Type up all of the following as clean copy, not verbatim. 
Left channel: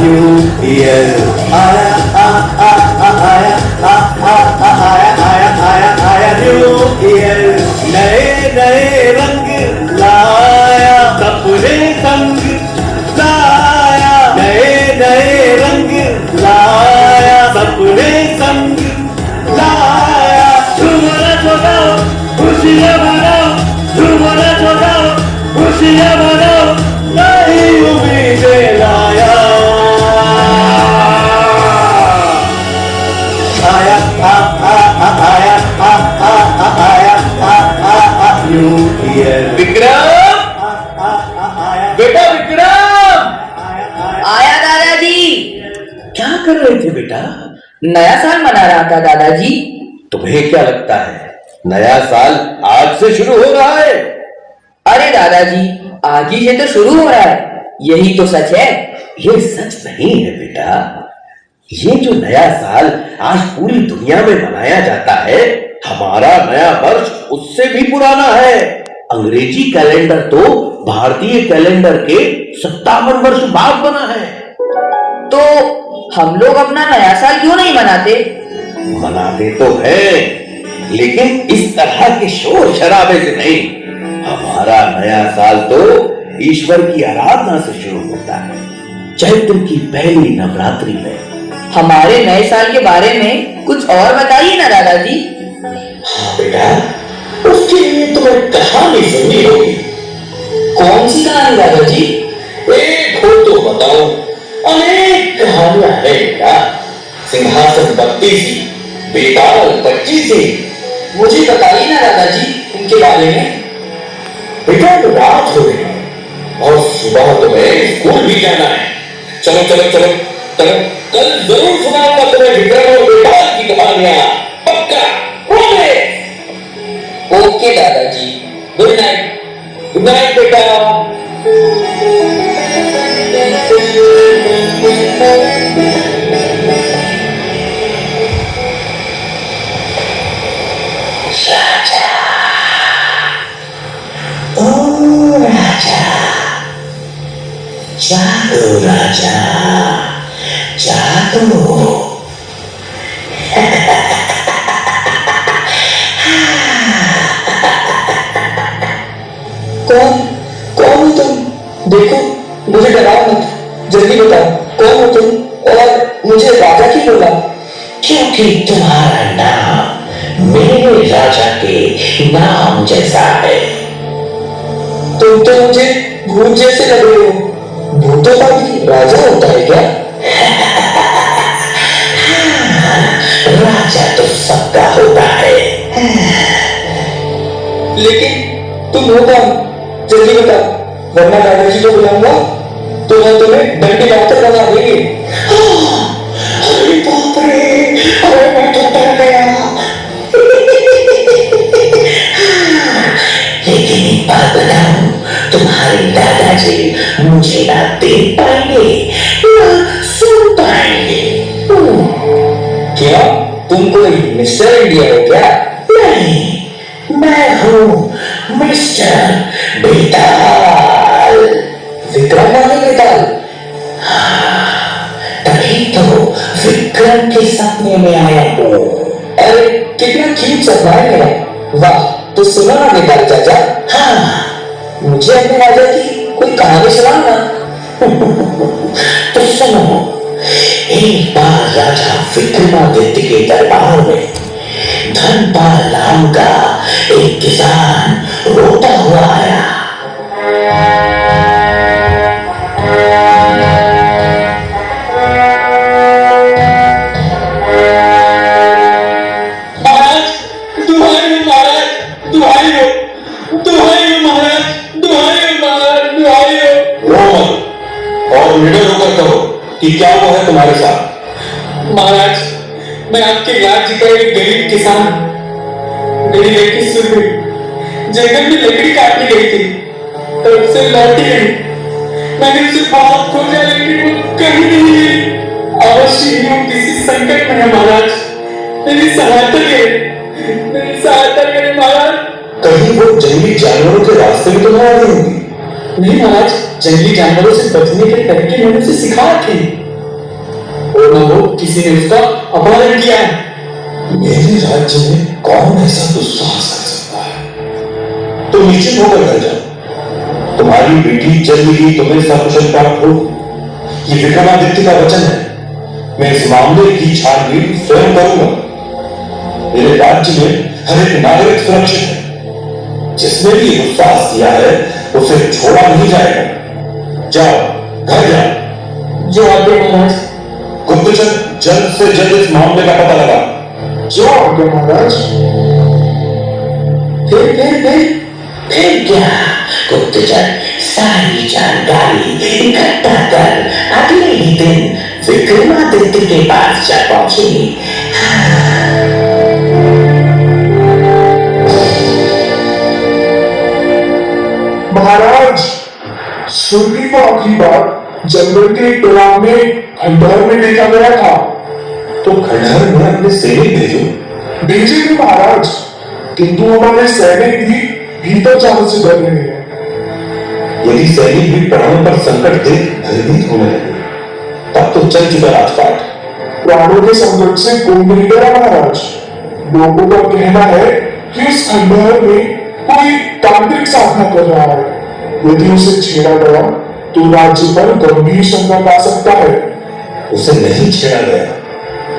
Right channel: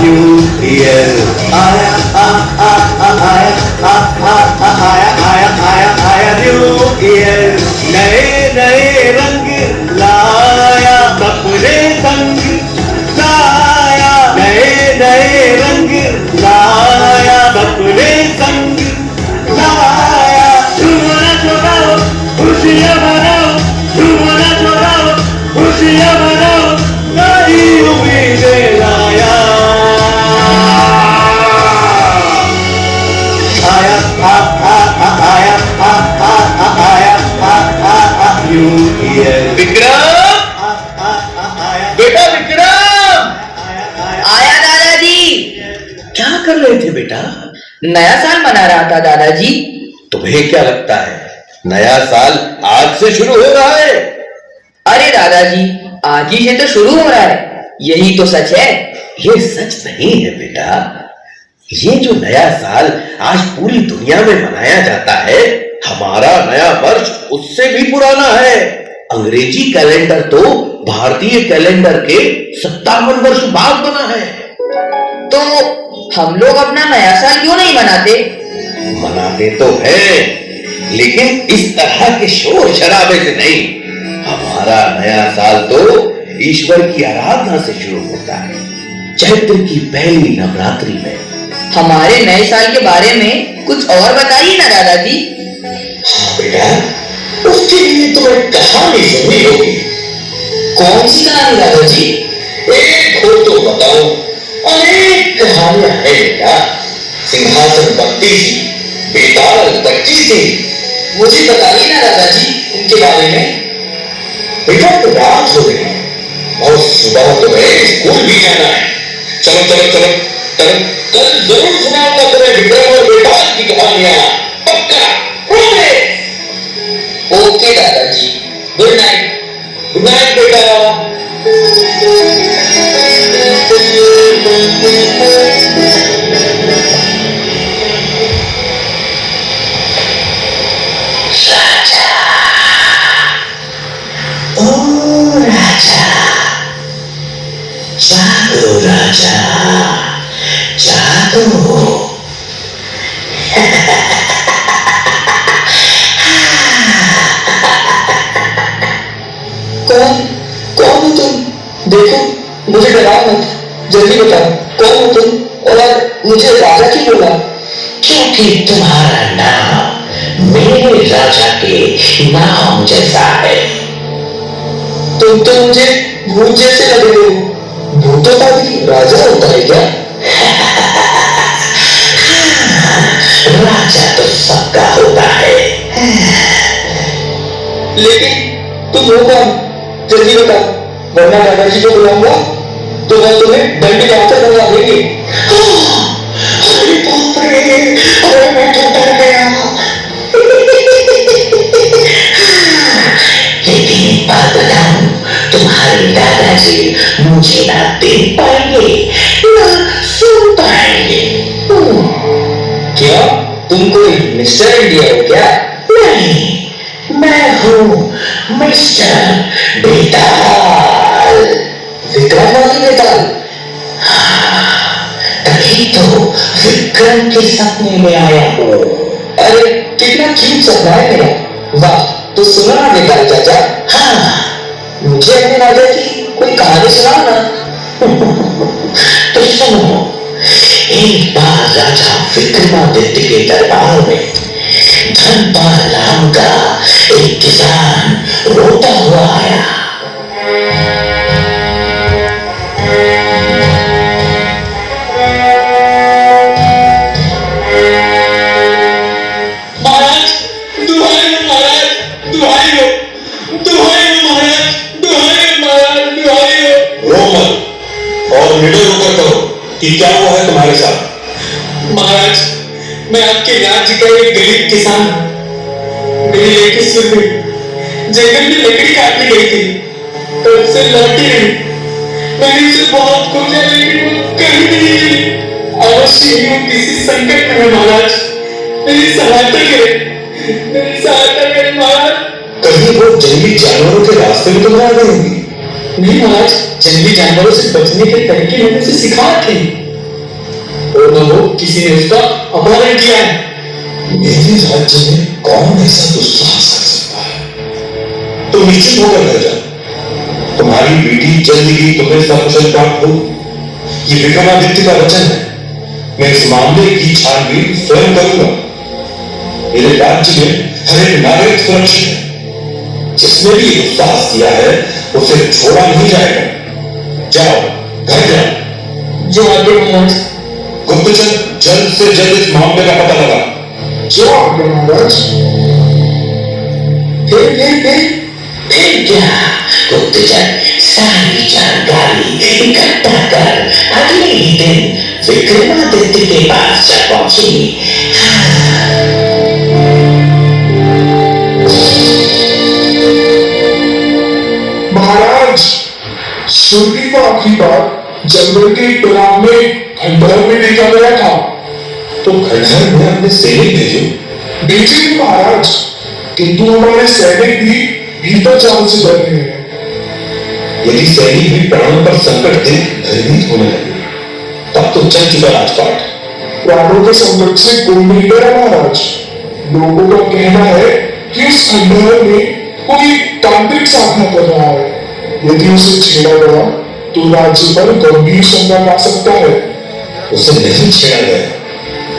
New year आया आया new year नए नए रंग लाया सपने संग लाया नए नए रंग लाया सपने संग लाया झूमना झुकाओ खुशियाँ मनाओ झूमना झुकाओ खुशियाँ मनाओ नई उम्मीदें लाया न्यू ईयर विक्रम, बेटा विक्रम, आया दादाजी। क्या कर रहे थे बेटा? नया साल मना रहा था दादाजी। तुम्हें क्या लगता है नया साल आज से शुरू हो रहा है? अरे दादाजी, आज ही से तो शुरू हो रहा है, यही तो सच है। ये सच नहीं है बेटा। ये जो नया साल आज पूरी दुनिया में मनाया जाता है, हमारा नया वर्ष उससे भी पुराना है। अंग्रेजी कैलेंडर तो भारतीय कैलेंडर के 57 वर्ष बाद बना है। तो हम लोग अपना नया साल क्यों नहीं मनाते? मनाते तो हैं, लेकिन इस तरह के शोर शराबे से नहीं। हमारा नया साल तो ईश्वर की आराधना से शुरू होता है, चैत्र की पहली नवरात्रि में। हमारे नए साल के बारे में कुछ और बताइए ना दादाजी। हाँ बेटा, उसके लिए तुम्हें कहानी सुननी होगी। कौन सी कहानी दादाजी? एक हो तो बताओ, अनेक कहानियां है बेटा। सिंहासन बत्ती सी, बेताल बच्ची सी। मुझे बताइए ना दादाजी उनके बारे में। बेटा तो रात हो गई और सुबह तुम्हें स्कूल भी जाना है। चलो चलो चलो कल कल जरूर सुनाऊंगा तुम्हें विक्रम और बेताल की कहानियां, पक्का प्रॉमिस। ओके दादाजी, गुड नाइट। गुड नाइट बेटा। जागो राजा, जागो। कौन कौन हो तुम? देखो, मुझे डराओ मत, जल्दी बताओ कौन हो तुम और मुझे राजा क्यों बोला? क्योंकि तुम्हारा नाम मेरे राजा के नाम जैसा है। तुम तो मुझे भूत जैसे लग रहे हो। भूतों का भी राजा होता है क्या? राजा तो सबका होता है। लेकिन तुम हो कौन? जल्दी बताओ, वरना दादाजी को बुलाऊंगा तो वो तुम्हें डंडे हाथ लगा देंगे। अरे बाप रे, अरे मैं तो डर गया। लेकिन एक बात बताऊं, तुम्हारे दादाजी मुझे ना देख पाएंगे ना सुन पाएंगे। क्या तुम कोई मिस्टर इंडिया हो क्या? नहीं, मैं हूँ मिस्टर बेताल। विक्रम वाले बेताल? तभी तो विक्रम के सपने में आया हूँ। अरे कितना क्यूट सपना है मेरा। वाह, तो सुनो ना बेताल चाचा। हाँ, मुझे अपने राजा की कोई कहानी सुनाओ ना। तो सुनो। एक बार राजा विक्रमादित्य के दरबार में धनपाल नाम का एक किसान रोता हुआ आया। महाराज, दुहाई हो महाराज, दुहाई हो, दुहाई हो महाराज, दुहाई हो महाराज, दुहाई हो। रो मत और निडर होकर कहो कि क्या हुआ है तुम्हारे साथ। महाराज, मैं आपके राज्य का एक गरीब किसान। मेरी लड़की सुरभि जंगल में लकड़ी काटने गई थी, तब से लौटी नहीं। मैंने उसे बहुत खोजा लेकिन वो कहीं नहीं मिली। अवश्य ही वो किसी संकट में है महाराज, मेरी सहायता करें, मेरी सहायता करें महाराज। कहीं वो जंगली जानवरों के रास्ते में तुम्हारा नहीं होगी। नहीं महाराज, जंगली जानवरों से बचने के तरीके मैंने उसे सिखा थे। बोलो, किसी ने उसका अपहरण किया है। मेरे राज्य में कौन ऐसा दुस्साहस कर सकता है? तुम निश्चित होकर रह जाओ, तुम्हारी बेटी जल्दी तुम्हें सकुशल प्राप्त हो। ये विक्रमादित्य का वचन है। मैं इस मामले की छानबीन स्वयं करूंगा। मेरे राज्य में हर एक नागरिक सुरक्षित है। जिसने भी ये दुस्साहस किया है उसे छोड़ा नहीं जाएगा। जाओ, घर जाओ। जो आज्ञा महाराज। गुप्तचर, जल्द से जल्द इस मामले का पता लगा। जो आज्ञा महाराज। फिर क्या गुप्तचर सारी जानकारी इकट्ठा कर अगले ही दिन विक्रमादित्य के पास जा पहुंची। महाराज, सुरभि को आखिरी बार जंगल के एक तालाब में खंडहर में देखा गया था। तो खंडहर में अपने सैनिक भेजो। भेजे थे महाराज, किंतु हमारे सैनिक भी भीतर जाने से डर रहे हैं। यदि सैनिक भी प्राणों पर संकट देख भयभीत होने लगे तब तो चल चुका राजपाट। प्राणों के संकट से कोई नहीं डरा महाराज। लोगों का कहना है कि इस खंडहर में कोई तांत्रिक साधना कर रहा है। यदि उसे छेड़ा गया तो राज्य पर गंभीर संकट आ सकता है। उसे नहीं छेड़ा गया,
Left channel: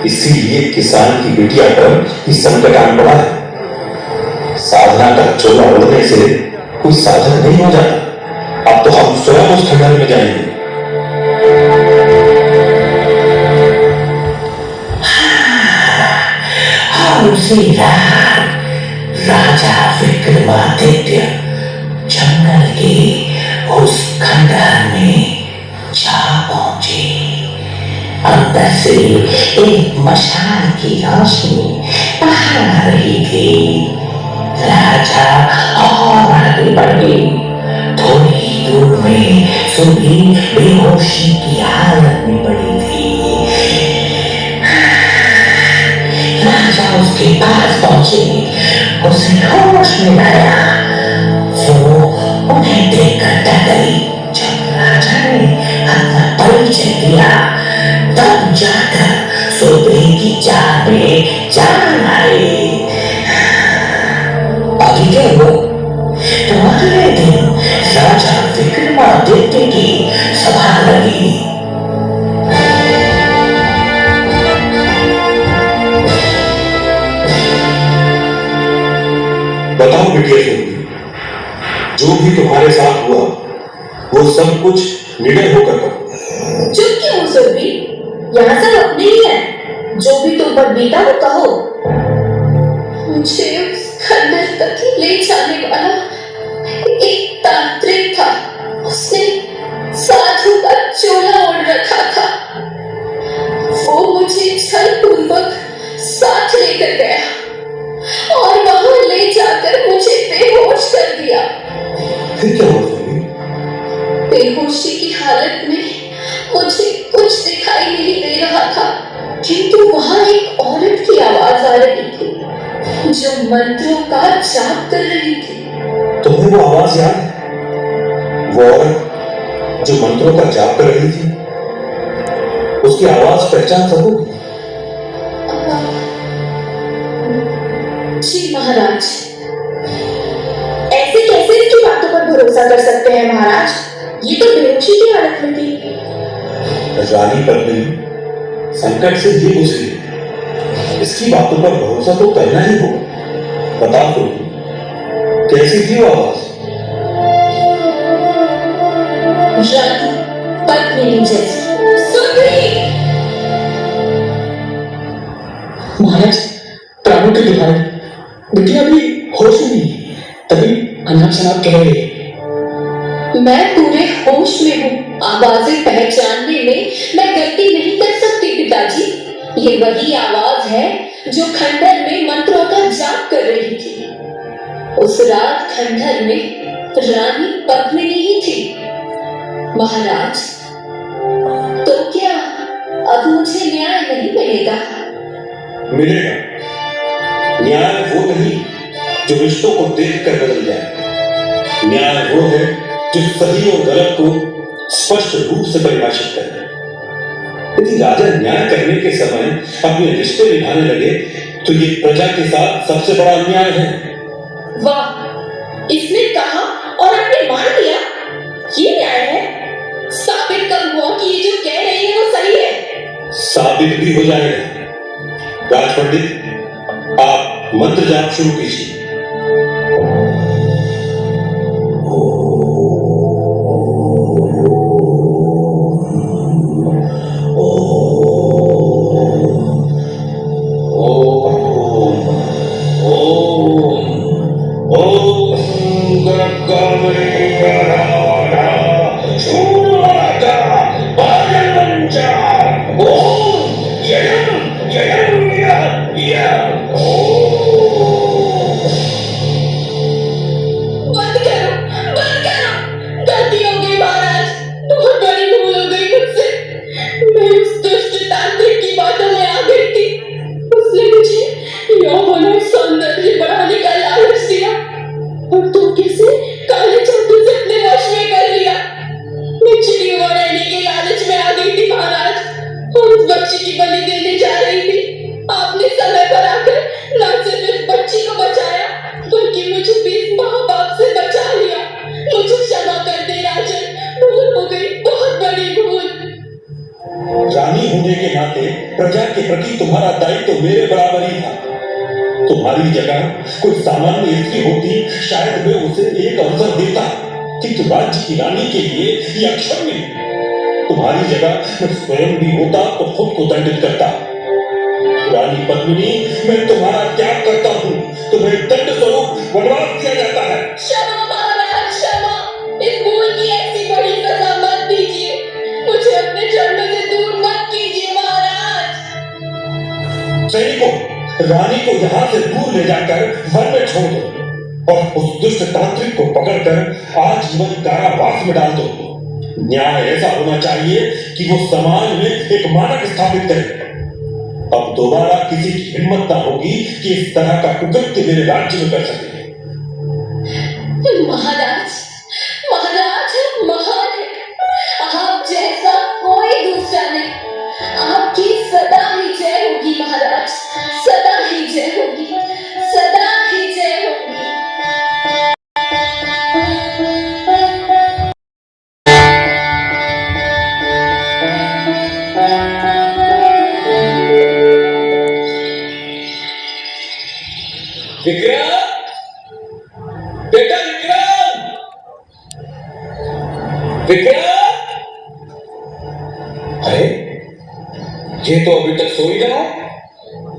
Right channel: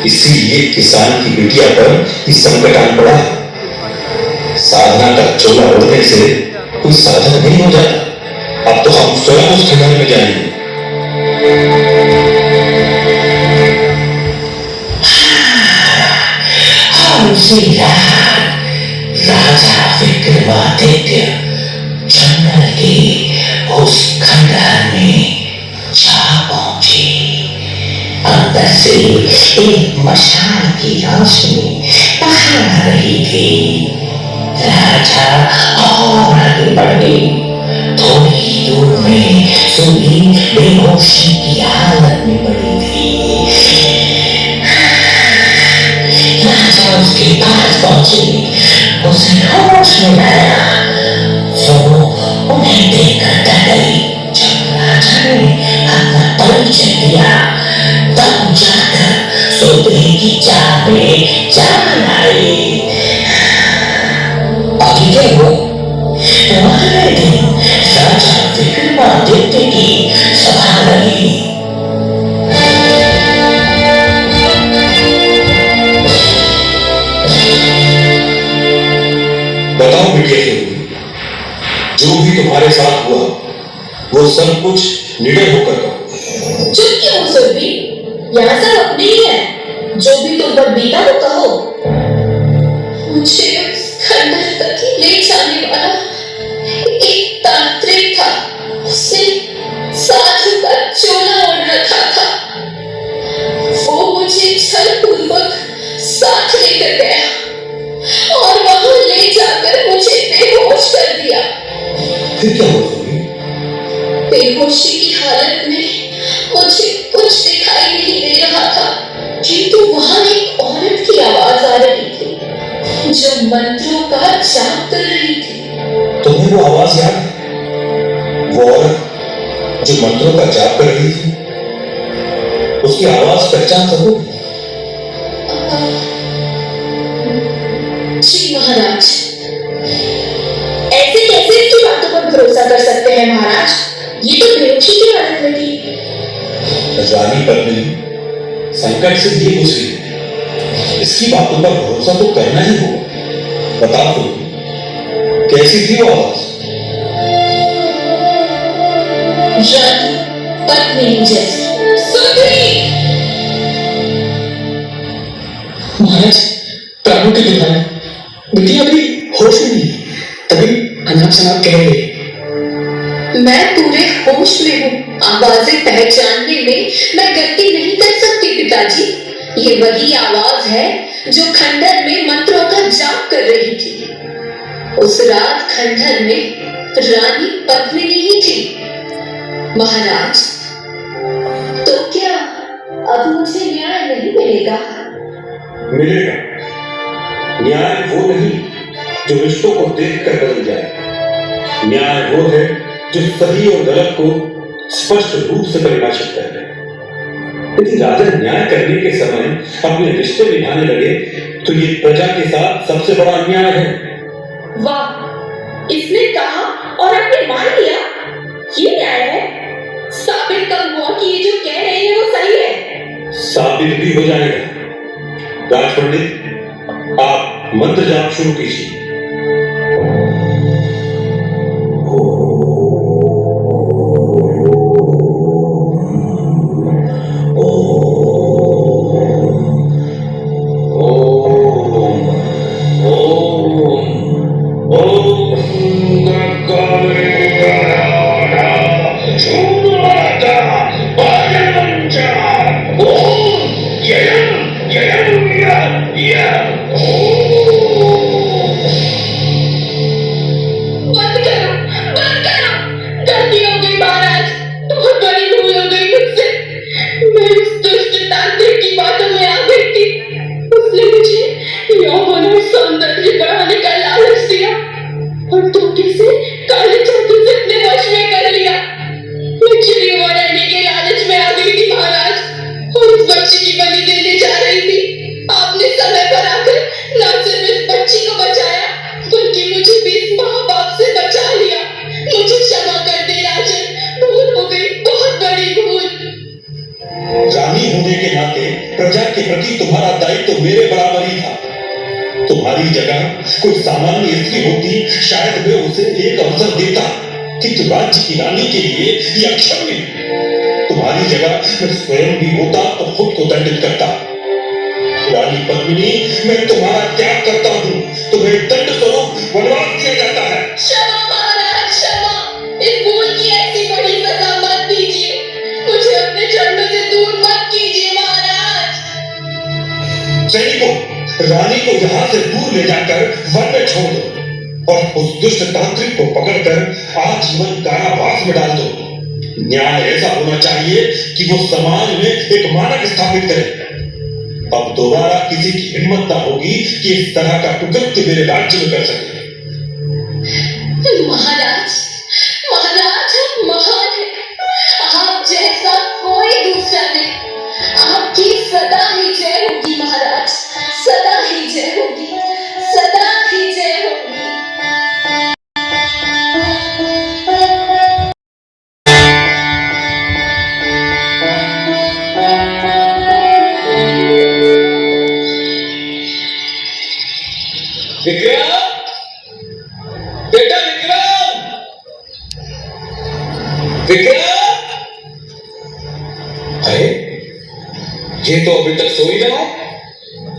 इसीलिए किसान की बिटिया पर ही संकट आन पड़ा है। साधना का चोला उड़ने से कोई साधन नहीं हो जाता। अब तो हम स्वयं उस खंडहर में जाएंगे। राजा विक्रमादित्य जंगल के उस खंडहर में जा पहुंचे। अंदर से एक मशाल की रोशनी बाहर आ रही थी। राजा और आगे बढ़े। थोड़ी ही दूर में सुबह बेहोशी की हालत में पड़ी थी। राजा उसके पास पहुंचे, उसे होश में आया। वो उन्हें देखकर डर गई। जब राजा ने अपना परिचय दिया तब जाकर सुबह की चाह में जान आई। अभी क्या हो? तुम्हारे दिन राजा विक्रमादित्य की सभा लगी। बताओ बिटिया से, जो भी तुम्हारे साथ हुआ वो सब कुछ निर्णय होकर कहो। चुप क्यों हो सुरभि? यहाँ सब अपने ही है। जो भी तुम पर बीता वो कहो। मुझे उस खंडहर तक ले जाने वाला एक तांत्रिक था। उसने साधु का चोला ओढ़ रखा था। वो मुझे छलपूर्वक साथ लेकर गया और वहां ले जाकर मुझे बेहोश कर दिया। फिर क्या हुआ? बेहोशी की हालत में मुझे कुछ दिखाई नहीं दे रहा था, किंतु वहां एक औरत की आवाज आ रही थी जो मंत्रों का जाप कर रही थी। तुम्हें वो आवाज याद है? वो औरत जो मंत्रों का जाप कर रही थी, उसकी आवाज पहचान सकोगी? जी महाराज। ऐसे कैसे इसकी बातों पर भरोसा कर सकते हैं महाराज? ये तो बेहोशी की हालत में थी। रानी पद्मिनी संकट से भी गुजरी है। इसकी बातों पर भरोसा तो करना ही होगा। बताओ तो, कैसी थी वो आवाज? रानी पद्मिनी जैसी। सुरभि! महाराज, प्राणों के विधान बिटिया अभी होश में नहीं, तभी अनाप शनाप कह रहे। मैं पूरे होश में हूँ। आवाजें पहचानने में मैं गलती नहीं कर सकती पिताजी। ये वही आवाज है जो खंडहर में मंत्रों का जाप कर रही थी। उस रात खंडहर में रानी पद्मिनी ही थी। महाराज, तो क्या अब मुझे न्याय नहीं मिलेगा? मिलेगा। न्याय वो नहीं जो रिश्तों को देखकर बदल जाए। न्याय वो है जो सही और गलत को स्पष्ट रूप से परिभाषित करे। यदि राजा न्याय करने के समय अपने रिश्ते निभाने लगे तो ये प्रजा के साथ सबसे बड़ा अन्याय है। वाह, इसने कहा और आपने मान लिया, ये न्याय है? साबित कब हुआ कि ये जो कह रहे हैं वो सही है? साबित भी हो जाएगा। राज पंडित, आप मंत्र जाप शुरू कीजिए। बंद करो, बंद करो। गलती हो गई महाराज, बहुत बड़ी भूल हो गई मुझसे। मैं उस दुष्ट तांत्रिक की बातों में आ गई थी। उसने मुझे यौवन और सौंदर्य बढ़ाने का लालच दिया और धोखे से काले जादू से अपने वश में कर लिया। मैं चिड़ियों रहने के लालच में आ गई थी महाराज और उस बच्ची की बलि देने जा रही थी। आपने समय पर आकर न सिर्फ इस बच्ची को बचाया बल्कि मुझे भी इस महापाप से बचा लिया। मुझे क्षमा कर दे राजन, भूल हो गई, बहुत बड़ी भूल। रानी होने के नाते प्रजा के प्रति तुम्हारा दायित्व तो मेरे बराबर ही था। तुम्हारी जगह कोई सामान्य स्त्री होती, शायद मैं उसे एक अवसर देता कि तू राज्य की रानी के लिए ये अक्षम्य। तुम्हारी जगह मैं स्वयं भी होता तो खुद को दंडित करता। रानी पद्मिनी, मैं तुम्हारा त्याग करता हूँ। तुम्हें दंड स्वरूप वनवास दिया जाता है। क्षमा महाराज, क्षमा। इस भूल की ऐसी बड़ी सजा मत दीजिए। मुझे अपने जन्म से दूर मत कीजिए महाराज। सैनिकों, रानी को यहाँ से दूर ले जाकर वन में छोड़ दो और उस दुष्ट तांत्रिक को पकड़कर आजीवन कारावास में डाल दो। न्याय ऐसा होना चाहिए कि वो समाज में एक मानक स्थापित करे। अब दोबारा किसी की हिम्मत ना होगी कि इस तरह का कुकृत्य मेरे राज्य में कर सके। महाराज, महाराज आप महान हैं। आप जैसा कोई दूसरा नहीं। आपकी सदा ही जय होगी महाराज, सदा ही जय होगी, सदा ही जय होगी। विक्रम, बेटा विक्रम, विक्रम। अरे ये तो अभी तक सो ही रहा है।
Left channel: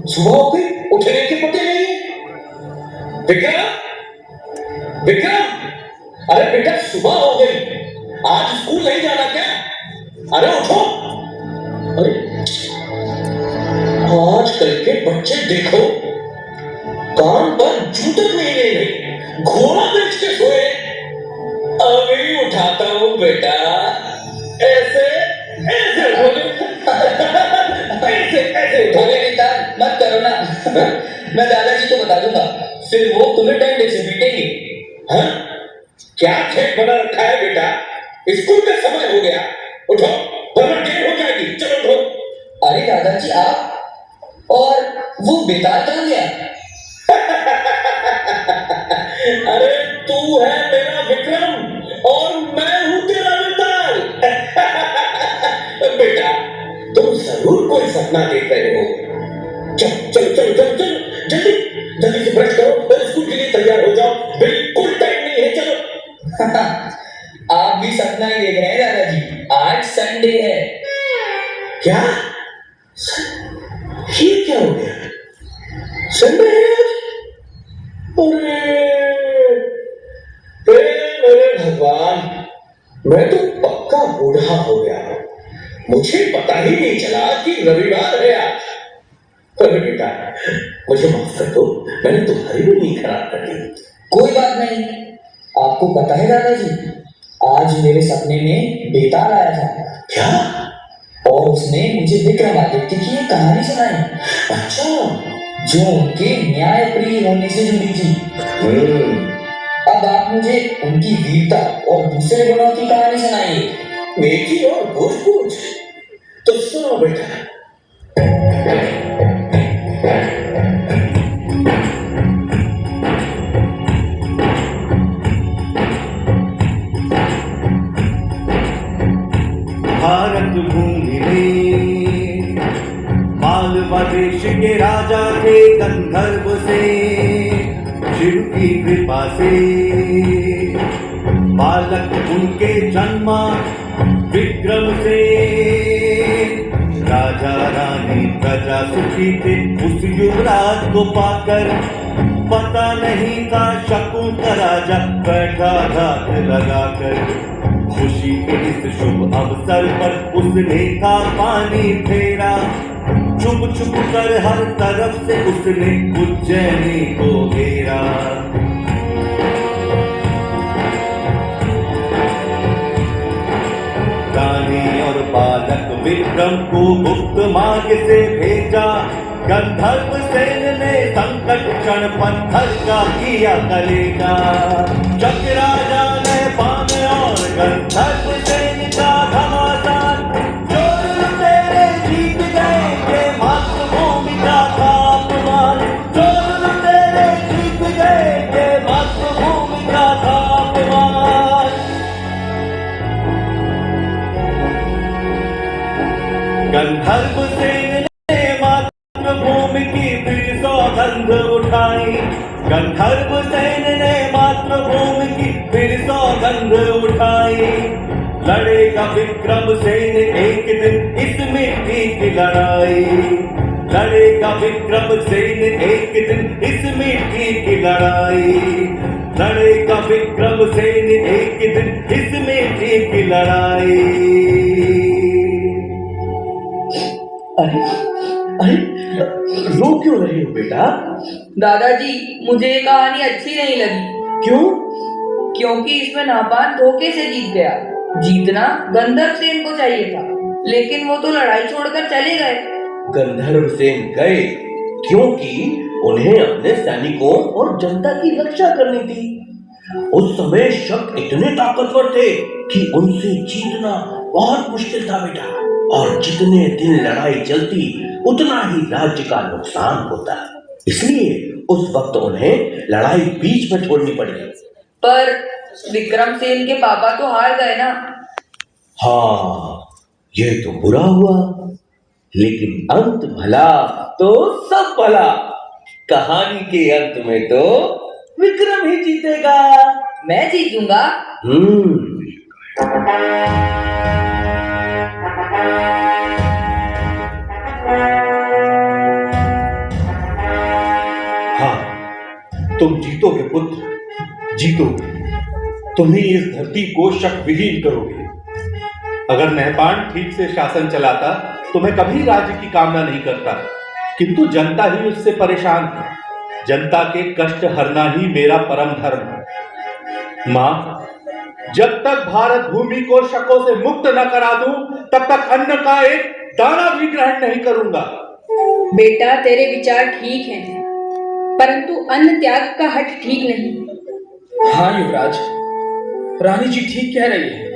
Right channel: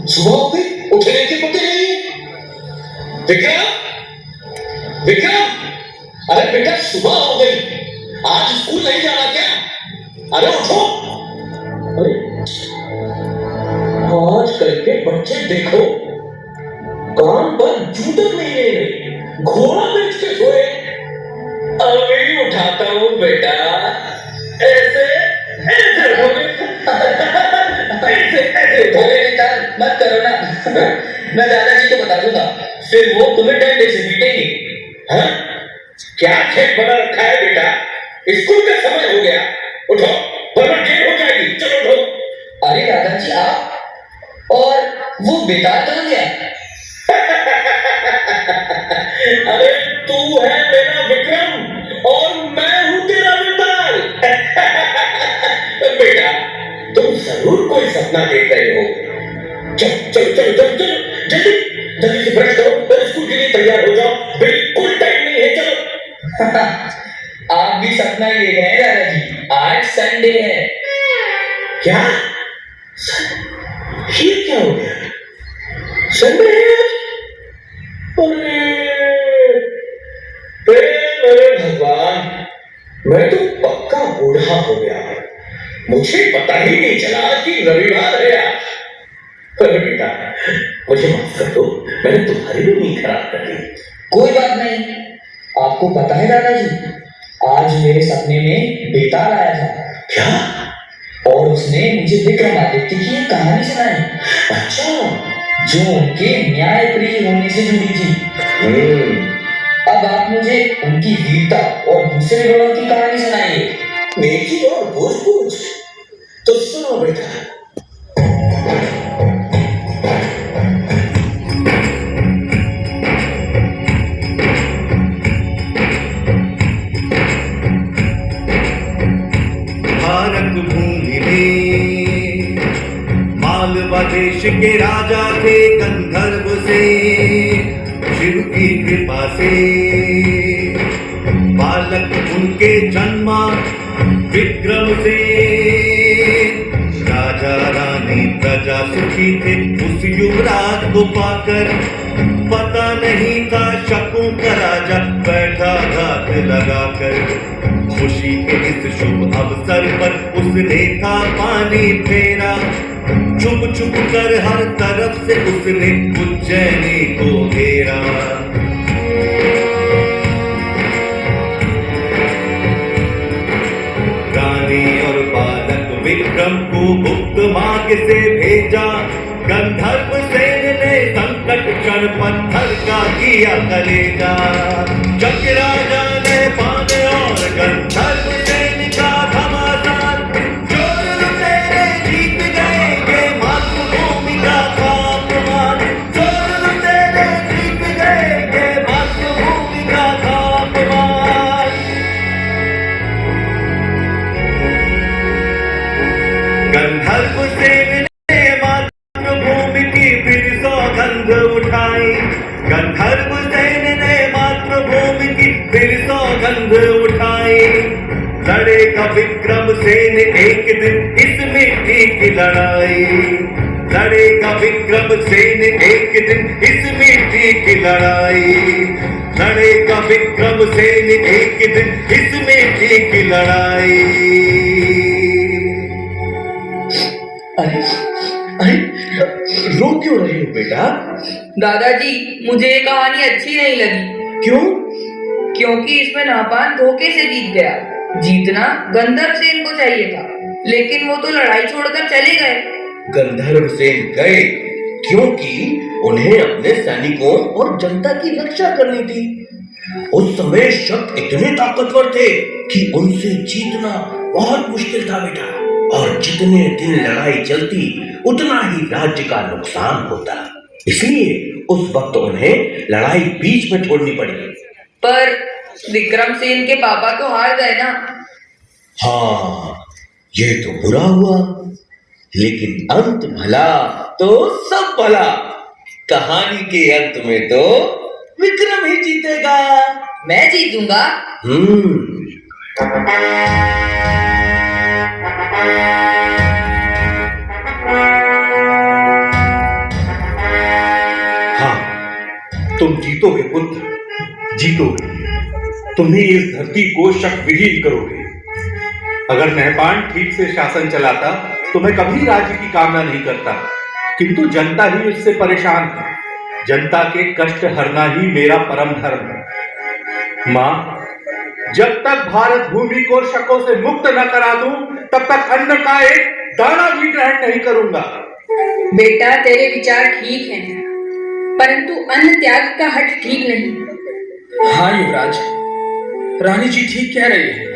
सुबह हो गई, उठने के पते नहीं है। विक्रम, विक्रम, अरे बेटा सुबह हो गई, आज स्कूल नहीं जाना क्या? अरे उठो। अरे आजकल के बच्चे देखो, काम पर जू तक नहीं ले रहे, घोड़ा बेच के सोए। अभी उठाता हूँ बेटा, ऐसे ऐसे बोले, ऐसे ऐसे बोले। निकाल मत करो ना। मैं दादाजी को बता दूंगा, फिर वो तुम्हें डंडे से पीटेंगे। हाँ? क्या खेत बना रखा है बेटा? स्कूल का समय हो गया, उठो वरना देर हो जाएगी। चलो उठो। अरे दादाजी आप, और वो बेकार कहाँ गया? अरे तू है मेरा विक्रम और मैं हूं तेरा विशाल। बेटा तुम जरूर कोई सपना देख रहे हो। चल चल चल चल चल, जल्दी जल्दी से ब्रश करो और स्कूल के लिए तैयार हो जाओ। बिल्कुल टाइम नहीं है, चलो। आप भी सपना ही देख रहे हैं दादाजी, आज संडे है। क्या? ये क्या हो गया? संडे है? अरे मेरे भगवान, मैं तो पक्का बूढ़ा हो गया। मुझे पता ही नहीं चला कि रविवार है आज। अरे बेटा मुझे माफ कर दो, मैंने तुम्हारी भी नींद खराब कर दी। कोई बात नहीं। आपको पता है दादाजी, आज मेरे सपने में बेताल आया था। क्या? और उसने मुझे विक्रमादित्य की एक कहानी सुनाई। अच्छा, जो उनके न्याय प्रिय होने से जुड़ी थी। अब आप मुझे उनकी वीरता और दूसरे गुणों की कहानी सुनाइए। नेकी और पूछ पूछ तो सुनो बेटा। मिले। मालवा देश के राजा थे गंधर्व से, शिव की कृपा से बालक उनके जन्मा विक्रम से। राजा रानी प्रजा सुखी थे उस युवराज को पाकर, पता नहीं था शकों का राजा बैठा घात लगाकर। खुशी के इस शुभ अवसर पर उसने था पानी फेरा, छुप छुप कर हर तरफ से उसने उज्जैनी को घेरा। रानी और बालक विक्रम को गुप्त मार्ग से भेजा, गंधर्व सेन ने संकट क्षण पत्थर का किया कलेजा। जब राजा ने बाण और गंधर्व सेन का घमासान, चोर लुटेरे जीत गए मातृभूमि का खाकमान। चोर लुटेरे जीत गए मातृभूमि का खाकमान। गंधर्व सेन ने मातृभूमि की फिर सौगंध उठाई। गंधर्व सेन ने मातृभूमि की फिर सौगंध उठाई। लड़ेगा विक्रम सेन एक दिन इस मिट्टी की लड़ाई। लड़ेगा विक्रम सेन एक दिन इस मिट्टी की लड़ाई। लड़ेगा विक्रम सेन एक दिन इस मिट्टी की लड़ाई। अरे अरे, रो क्यों रहे हो बेटा? दादाजी, मुझे ये कहानी अच्छी नहीं लगी। क्यों? क्योंकि इसमें नापान धोखे से जीत गया। जीतना गंधर्व सेन को चाहिए था, लेकिन वो तो लड़ाई छोड़कर चले गए। गंधर्व सेन गए क्योंकि उन्हें अपने सैनिकों और जनता की रक्षा करनी थी। उस समय शक इतने ताकतवर थे कि उनसे जीतना बहुत मुश्किल था बेटा। और जितने दिन लड़ाई चलती उतना ही राज्य का नुकसान होता, इसलिए उस वक्त उन्हें लड़ाई बीच में छोड़नी पड़ी। पर विक्रम सेन के पापा तो हार गए ना। हाँ, ये तो बुरा हुआ, लेकिन अंत भला तो सब भला। कहानी के अंत में तो विक्रम ही जीतेगा। मैं जीतूंगा। हाँ, तुम जीतोगे पुत्र, जीतोगे। तुम्हें इस धरती को शक विहीन करोगे। अगर नहपान ठीक से शासन चलाता तो मैं कभी राज्य की कामना नहीं करता, किंतु जनता ही उससे परेशान है। जनता के कष्ट हरना ही मेरा परम धर्म है। माँ, जब तक भारत भूमि को शकों से मुक्त न करा दूं, तब तक अन्न का एक दाना भी ग्रहण नहीं करूंगा। बेटा, तेरे विचार ठीक हैं, परंतु अन्न त्याग का हट ठीक नहीं। हाँ युवराज, रानी जी ठीक कह रही है।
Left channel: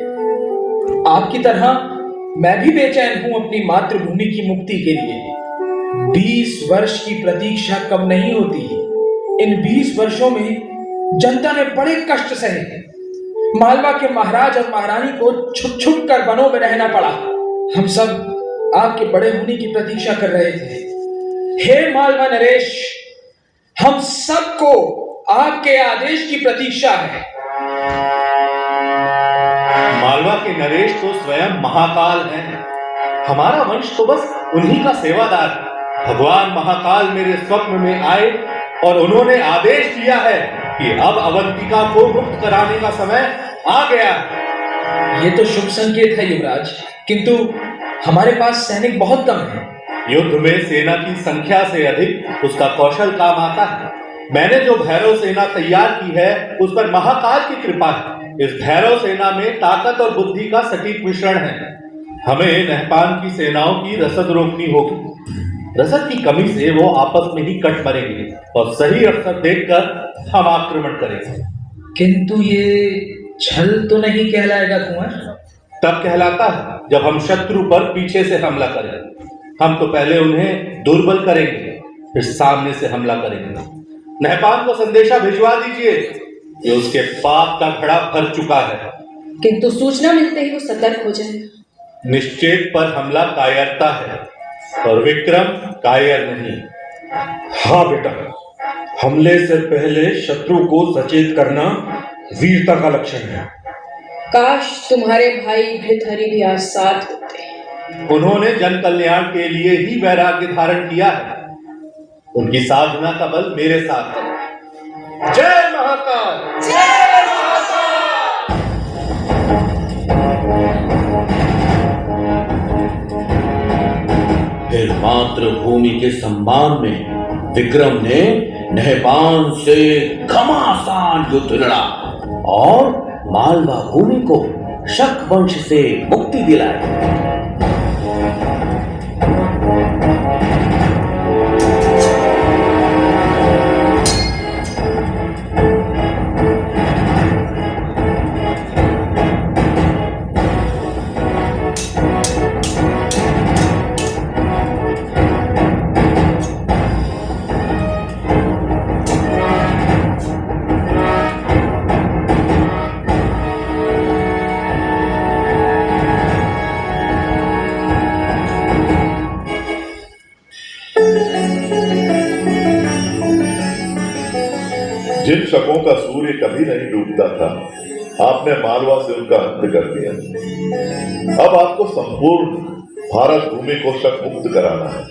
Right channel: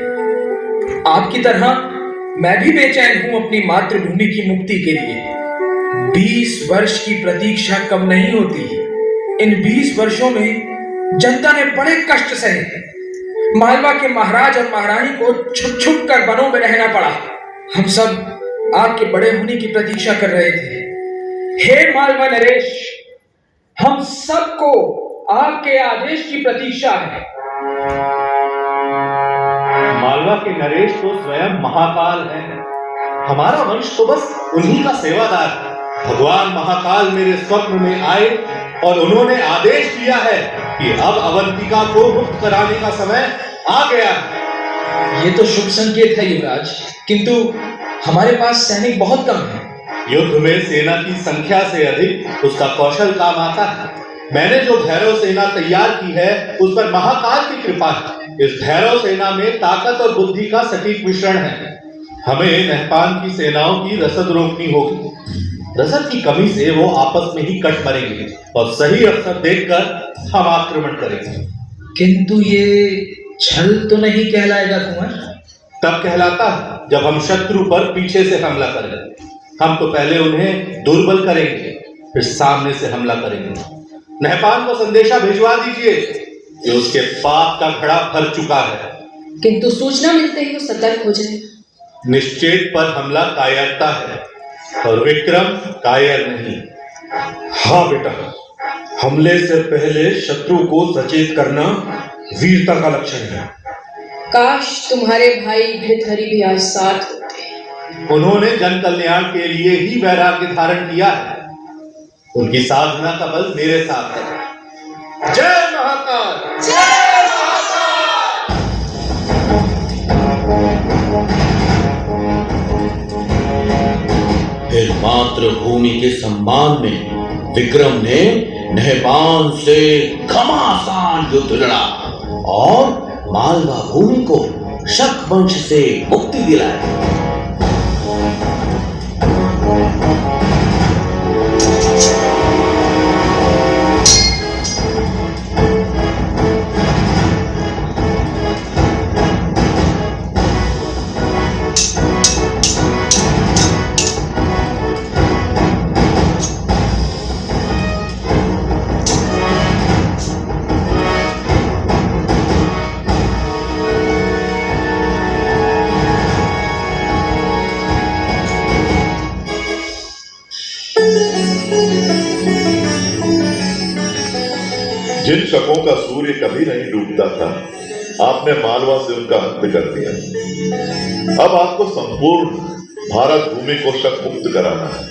आपकी तरह मैं भी बेचैन हूं अपनी मातृभूमि की मुक्ति के लिए। 20 वर्ष की प्रतीक्षा कम नहीं होती। इन 20 वर्षों में जनता ने बड़े कष्ट सहे। मालवा के महाराज और महारानी को छुप छुप कर वनों में रहना पड़ा। हम सब आपके बड़े होने की प्रतीक्षा कर रहे थे। हे मालवा नरेश, हम सबको आपके आदेश की प्रतीक्षा है। मालवा के नरेश तो स्वयं महाकाल है। हमारा वंश तो बस उन्हीं का सेवादार है। भगवान महाकाल मेरे स्वप्न में आए और उन्होंने आदेश दिया है कि अब अवंतिका को मुक्त कराने का समय आ गया। ये तो शुभ संकेत है युवराज, किंतु हमारे पास सैनिक बहुत कम हैं। युद्ध में सेना की संख्या से अधिक उसका कौशल काम आता है। मैंने जो भैरव सेना तैयार की है उस पर महाकाल की कृपा है। इस भैरव सेना में ताकत और बुद्धि का सटीक मिश्रण है। हमें नहपान की सेनाओं की रसद रोकनी होगी। रसद की कमी से वो आपस में ही कट पड़ेंगे और सही अवसर देखकर हम आक्रमण करेंगे। किंतु ये छल तो नहीं कहलाएगा कुंवर? तब कहलाता है जब हम शत्रु पर पीछे से हमला करेंगे। हम तो पहले उन्हें दुर्बल करेंगे, फिर सामने से हमला करेंगे। नहपान को संदेशा भिजवा दीजिए कि उसके पाप का घड़ा भर चुका है। किंतु सूचना मिलते ही वो सतर्क हो जाएगा। निश्चेत पर हमला कायरता है और विक्रम कायर नहीं। हाँ बेटा, हमले से पहले शत्रु को सचेत करना वीरता का लक्षण है। काश तुम्हारे भाई भृतहरि भी आज साथ होते। उन्होंने जन कल्याण के लिए ही वैराग्य धारण किया है। उनकी साधना का बल मेरे साथ है। जय महाकाल! जय महाकाल! फिर मातृभूमि के सम्मान में विक्रम ने नहपान से घमासान युद्ध लड़ा और मालवा भूमि को शक वंश से मुक्ति दिलाई। जिन शकों का सूर्य कभी नहीं डूबता था, आपने मालवा से उनका अंत कर दिया। अब आपको संपूर्ण भारत भूमि को शक मुक्त कराना है।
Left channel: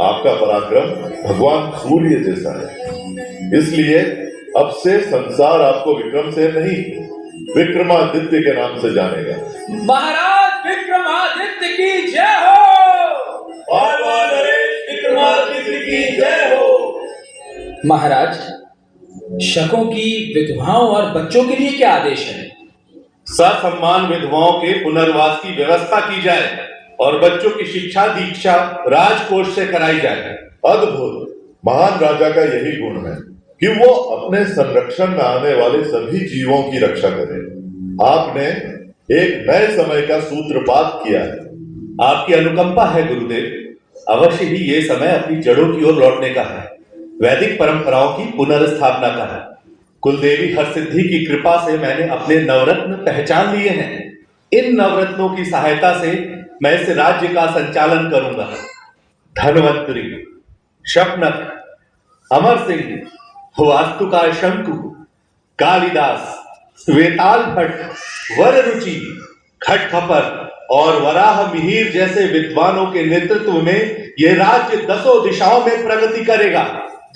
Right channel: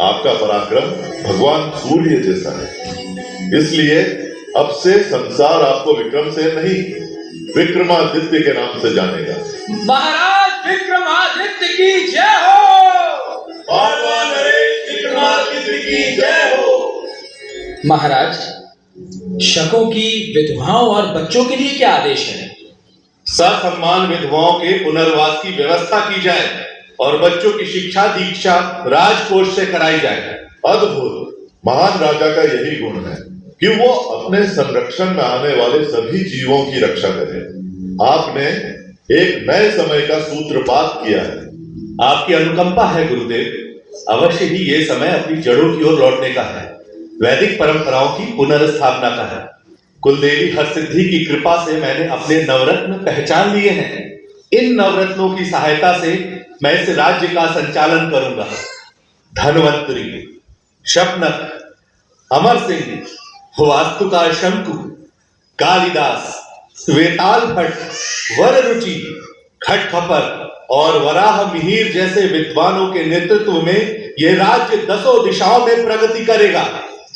आपका पराक्रम भगवान सूर्य जैसा है, इसलिए अब से संसार आपको विक्रम से नहीं, विक्रमादित्य के नाम से जानेगा। महाराज विक्रमादित्य की जय हो। मालवा नरेश विक्रमादित्य की जय हो। महाराज, शकों की विधवाओं और बच्चों के लिए क्या आदेश है? ससम्मान विधवाओं के पुनर्वास की व्यवस्था की जाए और बच्चों की शिक्षा दीक्षा राजकोष से कराई जाए। अद्भुत! महान राजा का यही गुण है कि वो अपने संरक्षण में आने वाले सभी जीवों की रक्षा करे। आपने एक नए समय का सूत्रपात किया है। आपकी अनुकंपा है गुरुदेव। अवश्य ही ये समय अपनी जड़ों की ओर लौटने का है, वैदिक परंपराओं की पुनर्स्थापना का है। कुलदेवी हरसिद्धि की कृपा से मैंने अपने नवरत्न पहचान लिए हैं। इन नवरत्नों की सहायता से मैं इस राज्य का संचालन करूंगा। धन्वंतरी, शपनक, अमर सिंह, वास्तुकार शंकु, कालिदास, वेताल भट्ट, वररुचि, खटखपर और वराह मिहिर जैसे विद्वानों के नेतृत्व में यह राज्य 10 दिशाओं में प्रगति करेगा।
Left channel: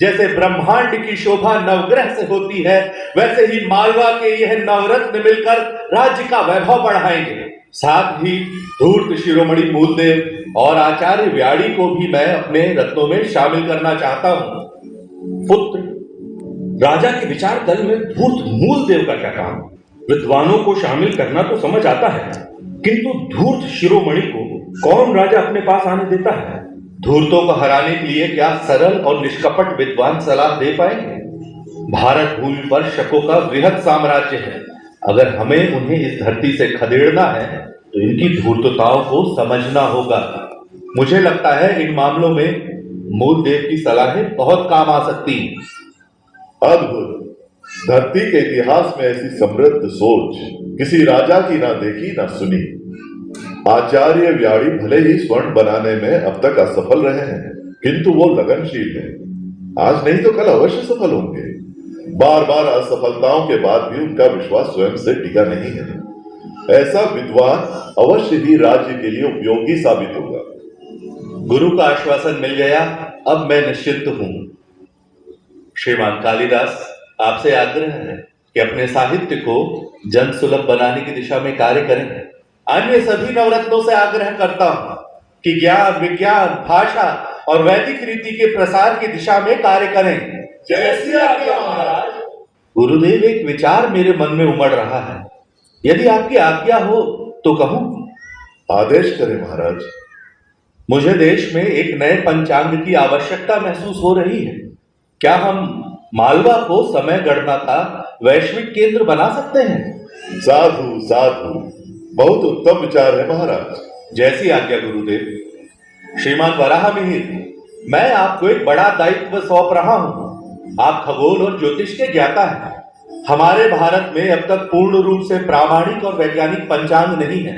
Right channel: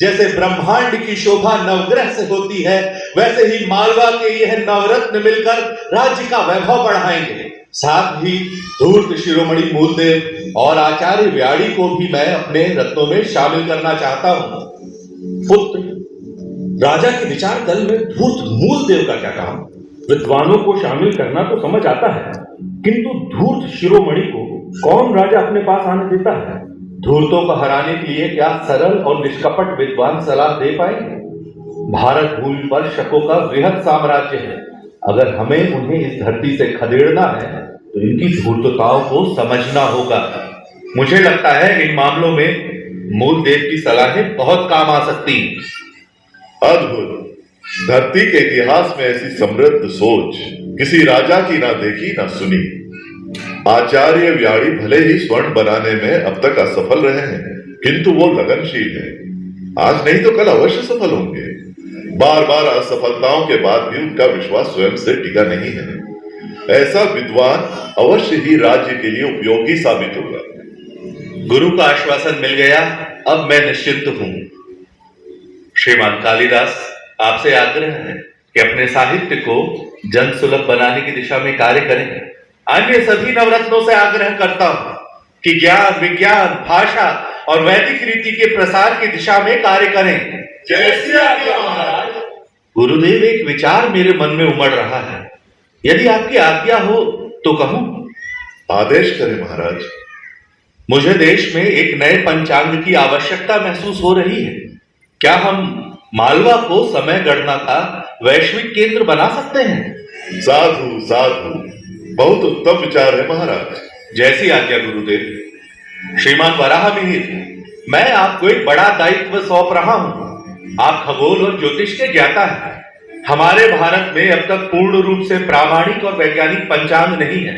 जैसे ब्रह्मांड की शोभा नवग्रह से होती है, वैसे ही मालवा के यह नवरत्न मिलकर राज्य का वैभव बढ़ाएंगे। साथ ही धूर्त शिरोमणि मूलदेव और आचार्य व्याड़ी को भी मैं अपने रत्नों में शामिल करना चाहता हूं। पुत्र, राजा के विचार दल में धूर्त मूलदेव का क्या काम? विद्वानों को शामिल करना तो समझ आता है, किंतु धूर्त शिरोमणि को कौन राजा अपने पास आने देता है? धूर्तों को हराने के लिए क्या सरल और निष्कपट विद्वान सलाह दे पाएंगे? भारत भूमि पर शकों का वृहद साम्राज्य है। अगर हमें उन्हें इस धरती से खदेड़ना है तो इनकी धूर्तताओं को समझना होगा। मुझे लगता है इन मामलों में मूलदेव की सलाहें बहुत काम आ सकती हैं। अद्भुत! धरती के इतिहास में ऐसी समृद्ध सोच किसी राजा की ना देखी ना सुनी। आचार्य व्याड़ी भले ही स्वर्ण बनाने में अब तक असफल रहे हैं, किंतु वो लगनशील है। आज नहीं तो कल अवश्य सफल होंगे। बार बार असफलताओं के बाद भी उनका विश्वास स्वयं से टिका नहीं है। ऐसा विद्वान अवश्य ही राज्य के लिए उपयोगी साबित होगा। गुरु का आश्वासन मिल गया, अब मैं निश्चिंत हूं। श्रीमान कालिदास, आपसे आग्रह है कि अपने साहित्य को जन सुलभ बनाने की दिशा में कार्य करें। अन्य सभी नवरत्नों से आग्रह करता हूं कि ज्ञान, विज्ञान, भाषा और वैदिक रीति के प्रसार की दिशा में कार्य करें। जैसी आज्ञा महाराज। गुरुदेव, एक विचार मेरे मन में उमड़ रहा है, यदि आपकी आज्ञा हो तो कहूं? आदेश करें महाराज। मुझे देश में एक नए पंचांग की आवश्यकता महसूस हो रही है। क्या हम मालवा को समय गणना का वैश्विक केंद्र बना सकते हैं? साधु साधु, बहुत उत्तम विचार है महाराज। जैसी आज्ञा गुरुदेव। श्रीमान वराह मिहिर, मैं आपको एक बड़ा दायित्व सौंप रहा हूं। आप खगोल और ज्योतिष के ज्ञाता हैं। हमारे भारत में अब तक पूर्ण रूप से प्रामाणिक और वैज्ञानिक पंचांग नहीं है,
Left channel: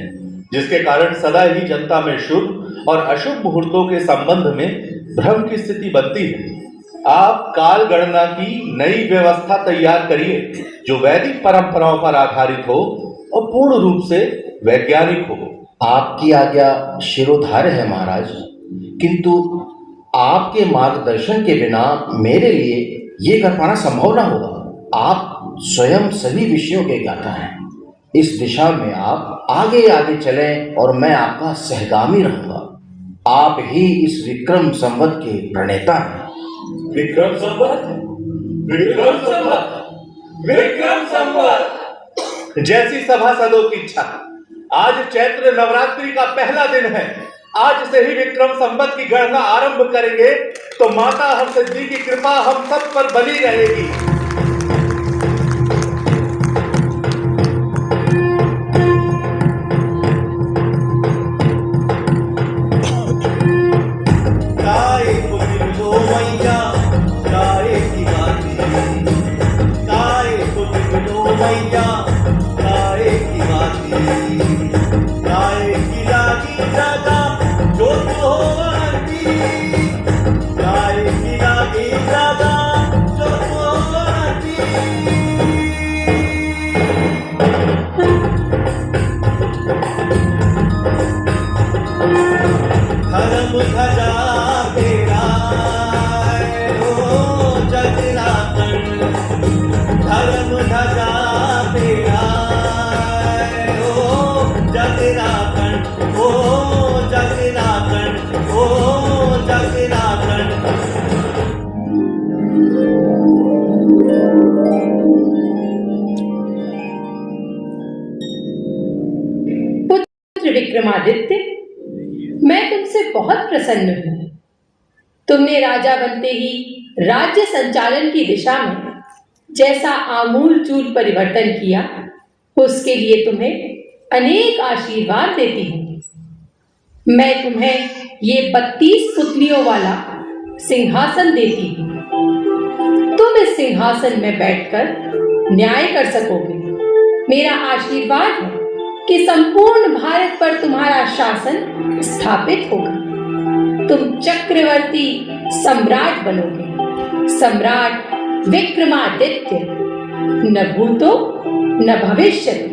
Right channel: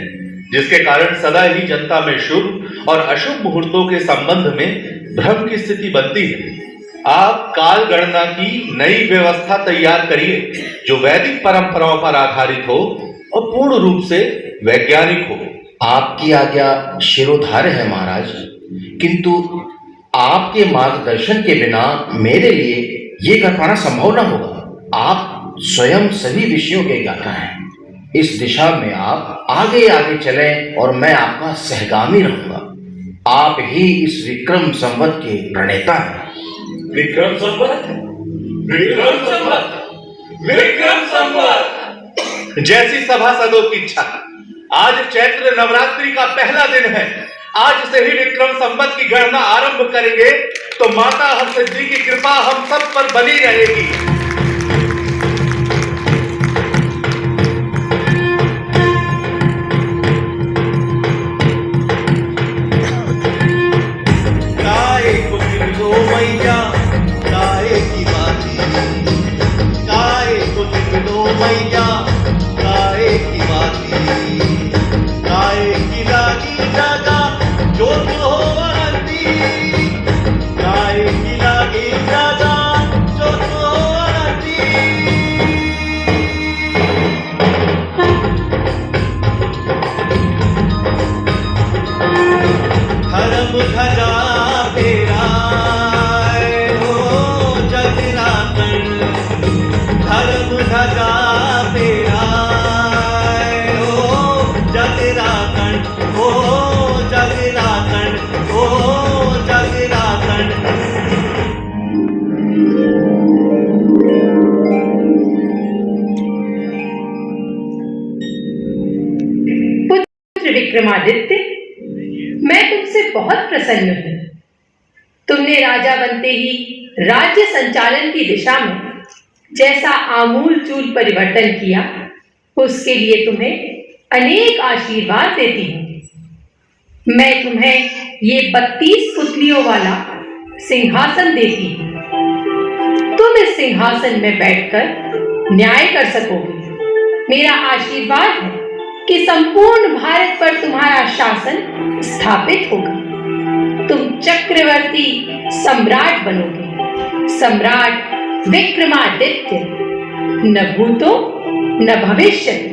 जिसके कारण सदा ही जनता में शुभ और अशुभ मुहूर्तों के संबंध में भ्रम की स्थिति बनती है। आप काल गणना की नई व्यवस्था तैयार करिए जो वैदिक परंपराओं पर आधारित हो और पूर्ण रूप से वैज्ञानिक हो। आपकी आज्ञा शिरोधार्य है महाराज, किंतु आपके मार्गदर्शन के बिना मेरे लिए ये कर पाना संभव न होगा। आप स्वयं सभी विषयों के ज्ञाता हैं। इस दिशा में आप आगे आगे चलें और मैं आपका सहगामी रहूंगा। आप ही इस विक्रम संवत के प्रणेता हैं। विक्रम संवत, विक्रम संवत, विक्रम संवत। जैसी सभासदों की इच्छा। आज चैत्र नवरात्रि का पहला दिन है। आज से ही विक्रम संवत की गणना आरंभ करेंगे तो माता हंसदी की कृपा हम सब पर बनी रहेगी। विक्रमादित्य, मैं तुमसे बहुत प्रसन्न हूं। तुमने राजा बनते ही राज्य संचालन की दिशा में जैसा आमूल चूल परिवर्तन किया, उसके लिए तुम्हें अनेक आशीर्वाद देती हूं। मैं तुम्हें ये 32 पुतलियों वाला सिंहासन देती हूं। तुम इस सिंहासन में बैठकर न्याय कर सकोगे। मेरा आशीर्वाद है कि संपूर्ण भारत पर तुम्हारा शासन स्थापित होगा। तुम चक्रवर्ती सम्राट बनोगे, सम्राट विक्रमादित्य, न भूतो न भविष्यति।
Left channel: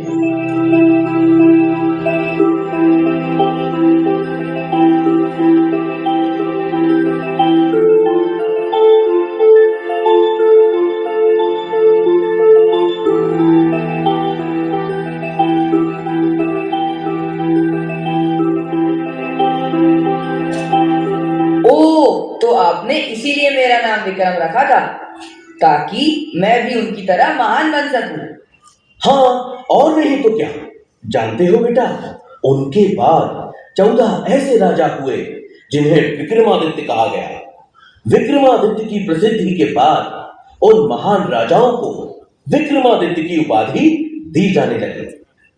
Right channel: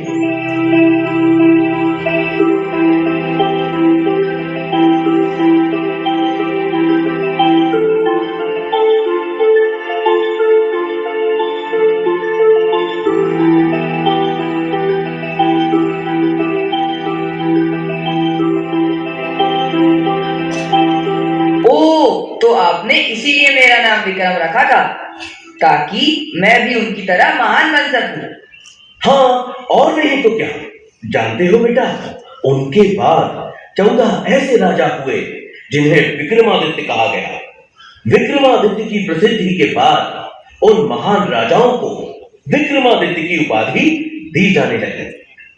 इसीलिए मेरा नाम विक्रम रखा था, ताकि मैं भी उनकी तरह महान बन सकूं। हाँ, और नहीं तो क्या। जानते हो बेटा, उनके बाद 14 ऐसे राजा हुए जिन्हें विक्रमादित्य कहा गया। विक्रमादित्य की प्रसिद्धि के बाद उन महान राजाओं को विक्रमादित्य की उपाधि दी जाने लगी।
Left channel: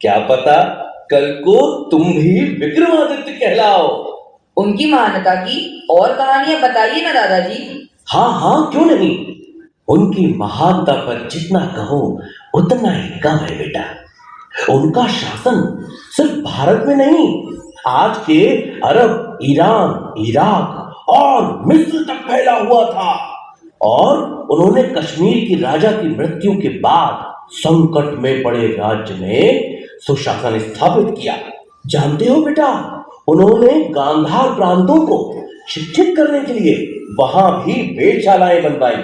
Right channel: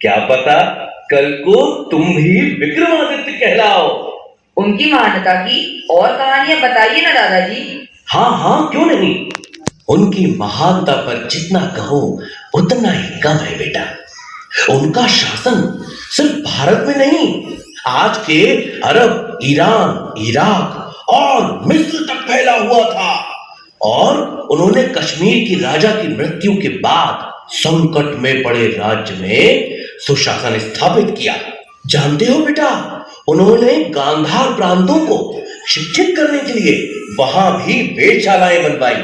क्या पता कल को तुम भी विक्रमादित्य कहलाओ। उनकी महानता की और कहानियां बताइए ना दादाजी। हाँ हाँ, क्यों नहीं। उनकी महानता पर जितना कहो उतना ही कम है बेटा। उनका शासन सिर्फ भारत में नहीं, आज के अरब, ईरान, इराक और मिस्र तक फैला हुआ था। और उन्होंने कश्मीर की राजा की मृत्यु के बाद संकट में पड़े राज्य में सुशासन स्थापित किया। जानते हो बेटा, उन्होंने गांधार प्रांतों को शिक्षित करने के लिए वहां भी वेधशालाएं बनवाई।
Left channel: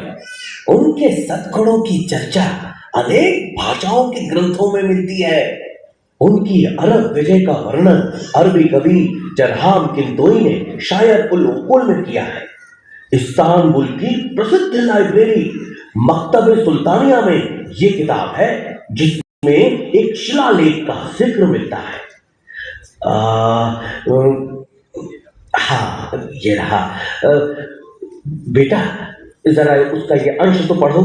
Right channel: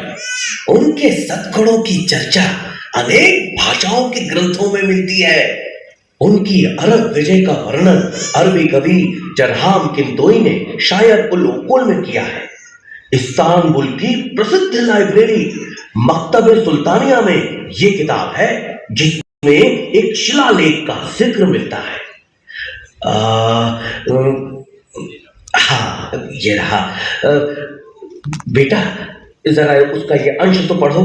उनके सद्गुणों की चर्चा अनेक भाषाओं के ग्रंथों में मिलती है। उनकी अरब विजय का वर्णन अरबी कवि जरहाम किंतोई ने शायर उल उकुल में किया है। इस्तांबुल की प्रसिद्ध लाइब्रेरी मकतबे सुल्तानिया में ये किताब है, जिसमें एक शिलालेख का जिक्र मिलता है। हाँ, ये रहा। बेटा, जरा उसका ये अंश तो पढ़ो।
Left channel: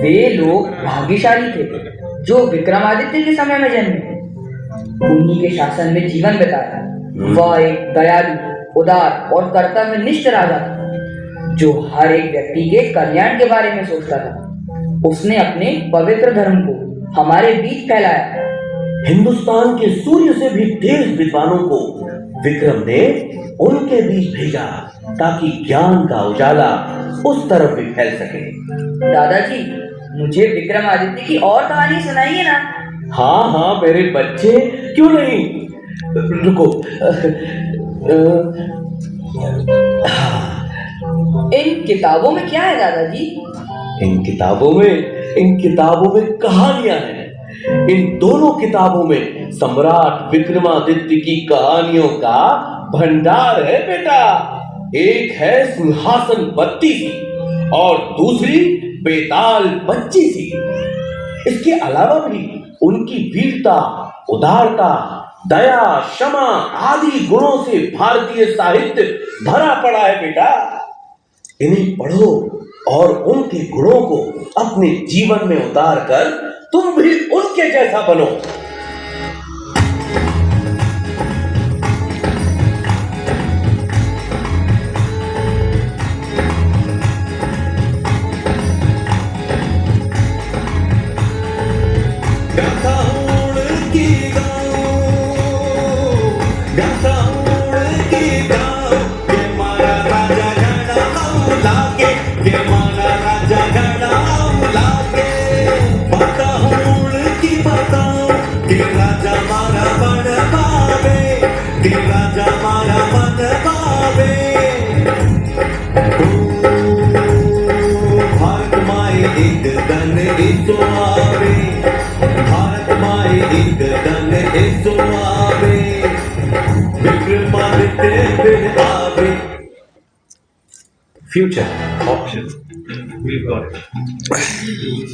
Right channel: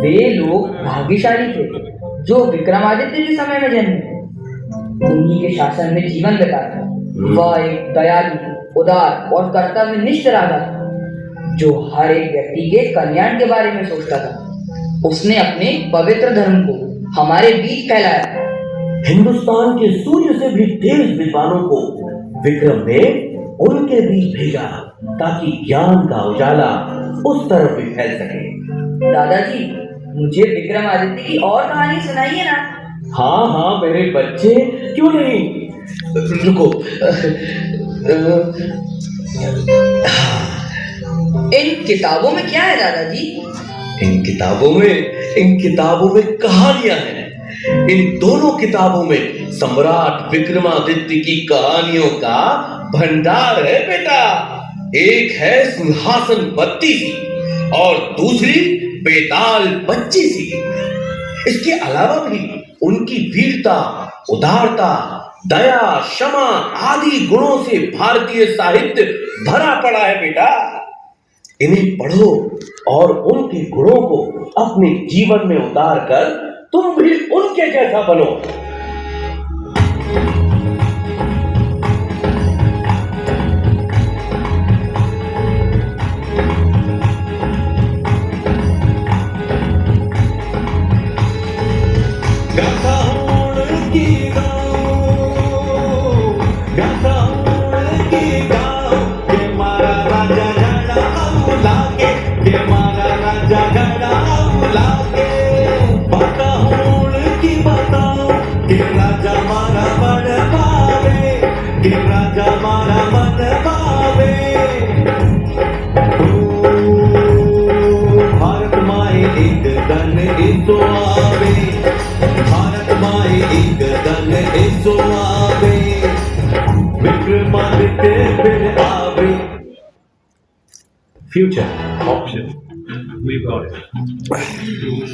वे लोग भाग्यशाली थे जो विक्रमादित्य के समय में जन्मे, उन्हीं के शासन में जीवन बिताया। वह एक दयालु, उदार और कर्तव्यनिष्ठ राजा था, जो हर एक व्यक्ति के कल्याण के बारे में सोचता था। उसने अपने पवित्र धर्म को हमारे बीच फैलाया। हिंदुस्तान के सूर्य से भी तेज विद्वानों को विक्रम ने उनके बीच भेजा ताकि ज्ञान का उजाला उस तरफ भी फैल सके। दादाजी, मुझे विक्रमादित्य की और कहानी सुनाइए ना। हाँ हाँ मेरे बच्चे, क्यों नहीं। रुको। इन किताबों में क्या है दादाजी? इन किताबों में कहानियां हैं। इन दोनों किताबों में सम्राट विक्रमादित्य की कहानियों का भंडार है बेटा। एक है सिंहासन 32 और दूसरी बेताल 25। इसके अलावा भी उनकी वीरता, उदारता, दया, क्षमा आदि गुणों से भारतीय साहित्य भरा पड़ा है बेटा। इन्हें पढ़ो और उनके गुणों को अपने जीवन में उतार कर तुम भी उनके जैसा बनो। Future option. We've got it.